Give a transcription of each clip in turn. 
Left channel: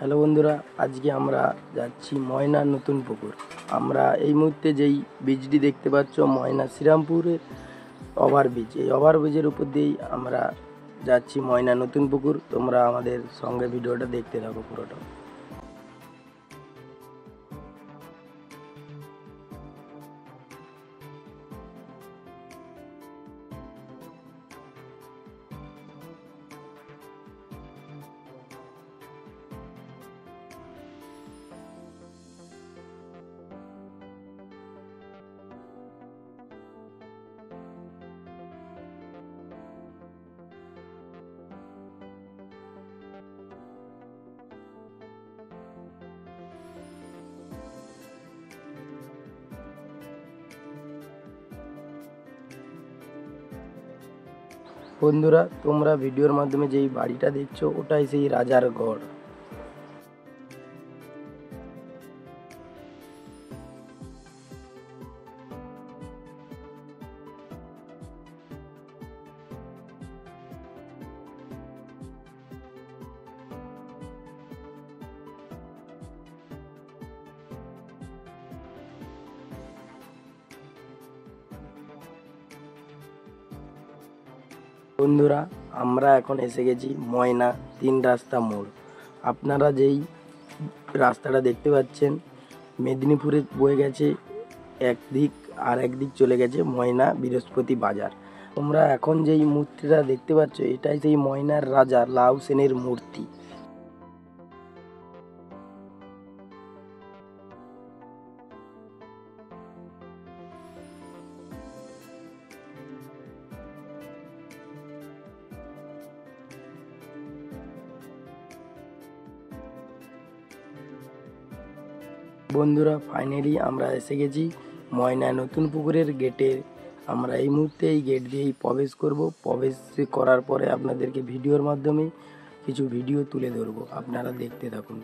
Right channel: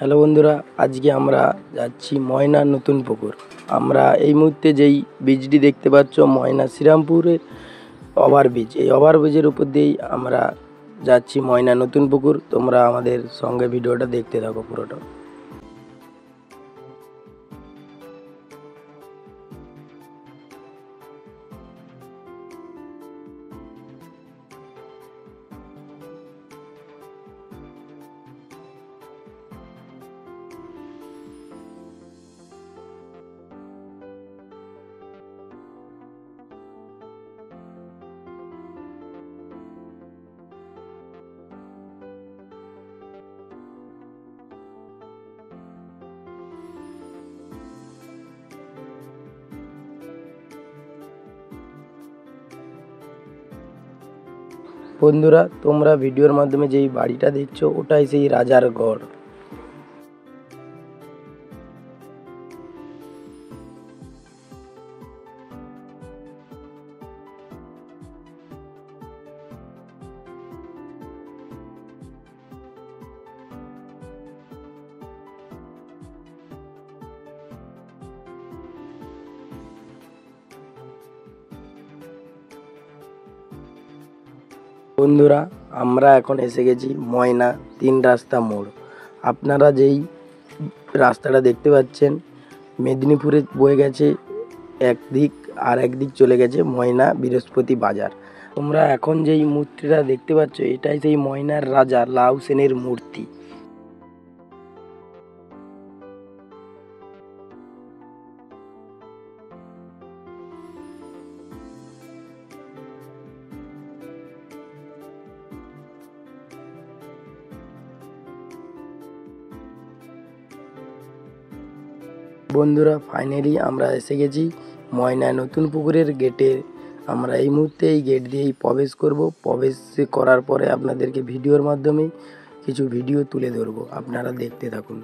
Hello বন্ধুরা, আজকে আমরা যাচ্ছি ময়না নতুন পুকুর। আমরা এই মুহূর্তে যেই ব্রিজটি দেখতে পাচ্ছ ময়না শ্রীরামপুরের ওভারব্রিজ, এই ওভারব্রিজের উপর দিয়েই আমরা যাচ্ছি ময়না নতুন পুকুর। তোমরা আমাদের সঙ্গে ভিডিওটা দেখতে থাকো পুরোটা। বন্ধুরা, তোমরা ভিডিওর মাধ্যমে যেই বাড়িটা দেখছো ওটাই সেই রাজার গড়। বন্ধুরা, আমরা এখন এসে গেছি ময়না 3 রাস্তা মোড়। আপনারা যেই রাস্তাটা দেখতে পাচ্ছেন মেদিনীপুরে বয়ে গেছে একদিক, আর একদিক চলে গেছে ময়না বৃহস্পতি বাজার। তোমরা এখন যেই মূর্তিটা দেখতে পাচ্ছ এটাই সেই ময়নার রাজা লাউ সেনের মূর্তি। বন্ধুরা, ফাইনালি আমরা এসে গেছি ময়না নতুন পুকুরের গেটে। আমরা এই মুহূর্তে এই গেট দিয়েই প্রবেশ করব। প্রবেশ করার পরে আপনাদেরকে ভিডিওর মাধ্যমে কিছু ভিডিও তুলে ধরবো, আপনারা দেখতে থাকুন।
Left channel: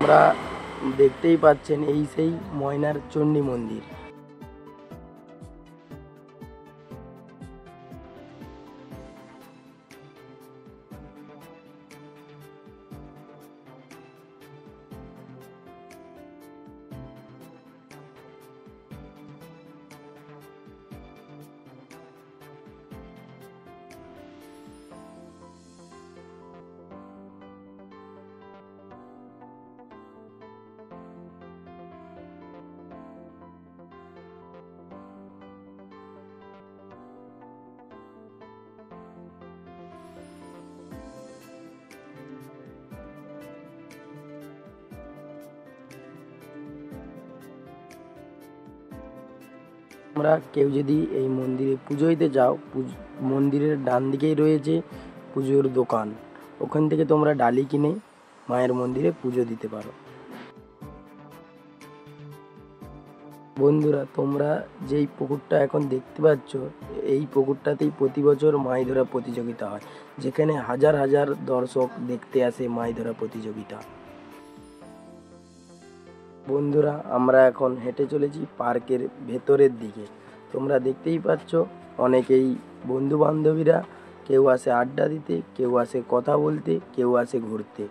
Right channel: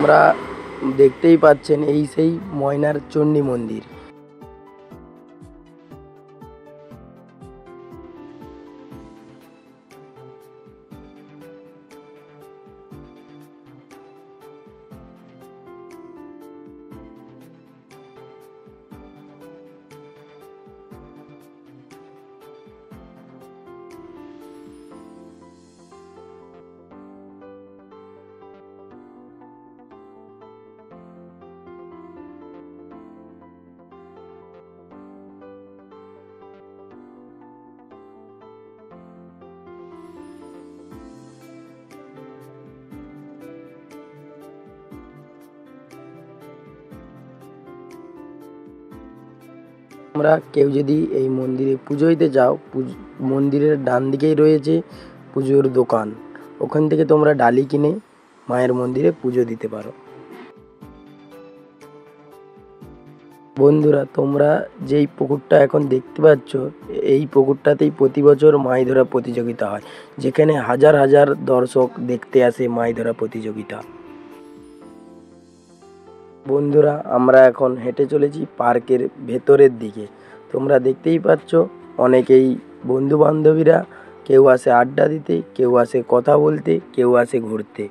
আমরা দেখতেই পাচ্ছেন এই সেই ময়নার চণ্ডী মন্দির। আমরা কেউ যদি এই মন্দিরে পুজো দিতে যাও, মন্দিরের ডান দিকেই রয়েছে পুজোর দোকান। ওখান থেকে তোমরা ডালি কিনে মায়ের মন্দিরে পুজো দিতে পারো। বন্ধুরা, তোমরা যেই পুকুরটা এখন দেখতে পাচ্ছ এই পুকুরটাতেই প্রতি বছর মাছ ধরা প্রতিযোগিতা হয়, যেখানে হাজার হাজার দর্শক দেখতে আসে মাছ ধরা প্রতিযোগিতা। বন্ধুরা, আমরা এখন হেঁটে চলেছি পার্কের ভেতরের দিকে। তোমরা দেখতেই পাচ্ছ অনেকেই বন্ধু বান্ধবীরা কেউ আসে আড্ডা দিতে, কেউ আসে কথা বলতে, কেউ আসে ঘুরতে।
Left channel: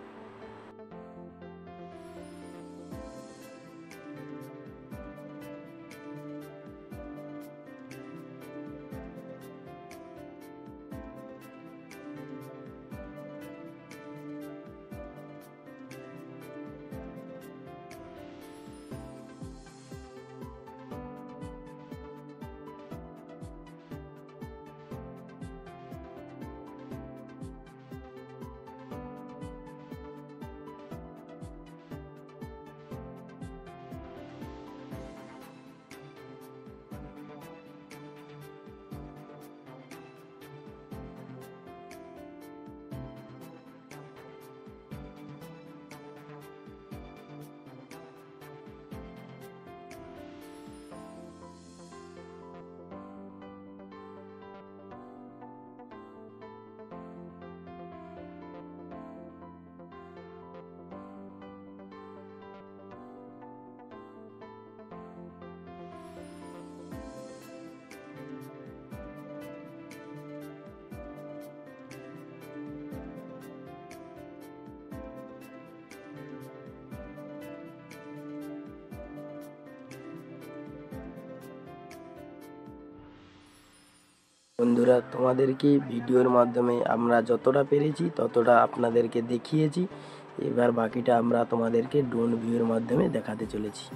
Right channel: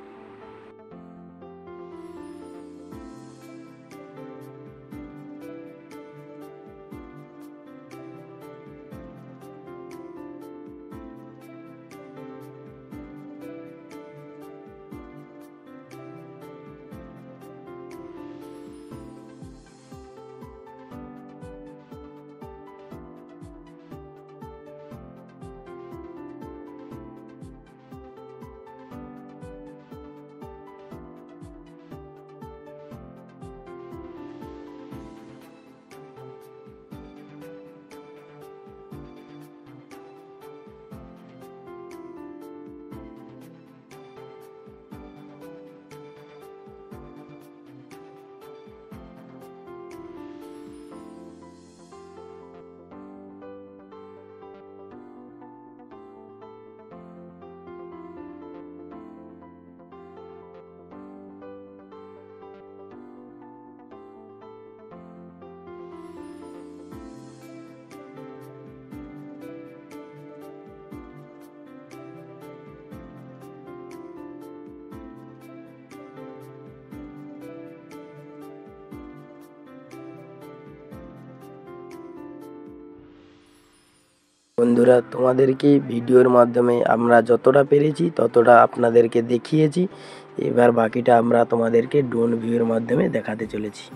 বন্ধুরা, তোমাদেরকে ভিডিওর মাধ্যমে আমরা যতটা পেরেছি ততটা আপনাদেরকে দেখিয়েছি। এবার বাকিটা আমরা তোমাদেরকে ড্রোন ভিউয়ের মাধ্যমে দেখাতে চলেছি।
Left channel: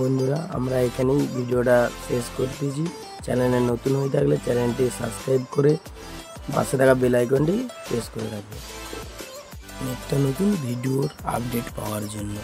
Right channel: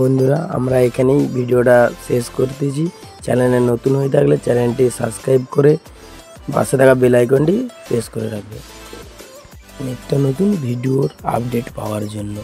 বন্ধুরা, আমরা এখানেই ভিডিওটা শেষ করতেছি। চ্যানেলে নতুন হয়ে থাকলে চ্যানেলটি সাবস্ক্রাইব করে পাশে থাকা বেল আইকনটি প্রেস করে রাখবে একটা নতুন ভিডিওর আপডেট পাওয়ার জন্য।